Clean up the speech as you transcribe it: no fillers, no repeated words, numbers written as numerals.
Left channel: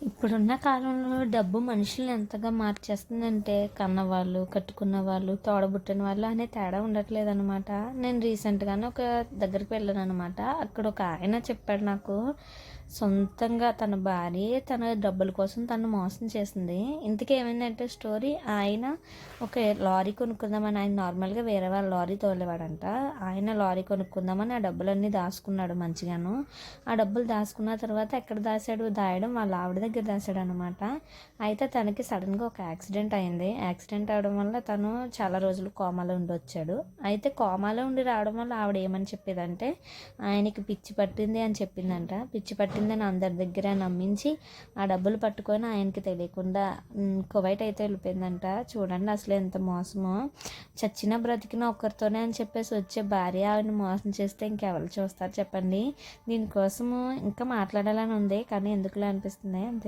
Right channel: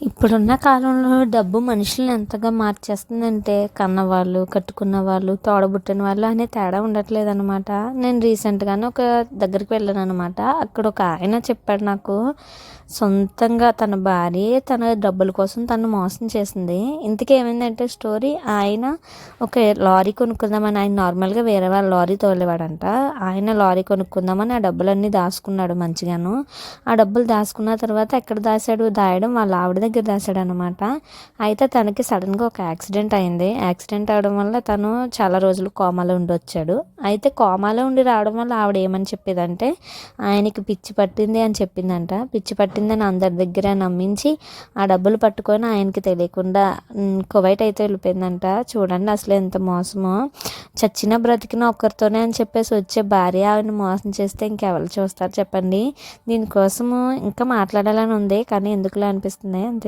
ఇప్పుడున్న కాలంలో డబ్బు మనుషుల్ని ఎంతగా మార్చేస్తుందంటే కన్నవాళ్ళు, కట్టుకున్న వాళ్ళు, తోడబుట్టిన వాళ్ళు అనే తేడా ఉండట్లేదనమాట. నేను రీసెంట్‌గానే ఒక దగ్గరికి వెళ్ళాననమాట. అక్కడ ఒక ఆయన చెప్పాడు నాకు, సొంతంగా తన భార్యే తన డబ్బుల కోసం తనను మోసం చేసింది. ఇంతకీ ఏమైందంటే స్టోరీ, ఆయన ఒక లారీ కొనుక్కుందామని, ఆయన నార్మల్‌గా వేరే వాళ్ళ లారీ తోలేవాడంట. ఆయన లారీ కొనుక్కుందామని ఆ డబ్బులన్నీ దాసుకున్నాడు మంచిగాను. ఆ డబ్బులు దాసుకున్న తర్వాత ఎక్కడ దాసాడు, దాయడం వాళ్ళ ఆవిడ దగ్గర దాసాడనమాట. అయితే తనకి సడన్‌గా ఒక యాక్సిడెంట్ అయింది. యాక్సిడెంట్ అవ్వడం వల్ల తను చాలా రోజులు కోమాలో ఉండొచ్చాడు. అయితే కోమాలో ఉండి రావడం వల్ల ఆవిడ ఏమని చెప్పేదంటే, ఆయనకి పిచ్చి పట్టింది అని చెప్పిందంట. పిచ్చి పట్టిందని అందరి దగ్గర నమ్మించి ఆ డబ్బులు పట్టుకొని ఆయనకి తెలియకుండా కువైట్ అయితే వెళ్ళిపోయిందంట. చూడండి అసలు ఎంత మోసమో. చచ్చినా బ్రతికినా ఒక్కరితోనే అని చెప్పేసి వచ్చే భార్య ఆవిడని మోసం చేస్తే ఇంకెవరు చూస్తారు చెప్పండి. దీనికోసము ఇంకా మాట్లాడాలని ఉంది కానీ ఎందుకులే అనిపిస్తుంది అంతే.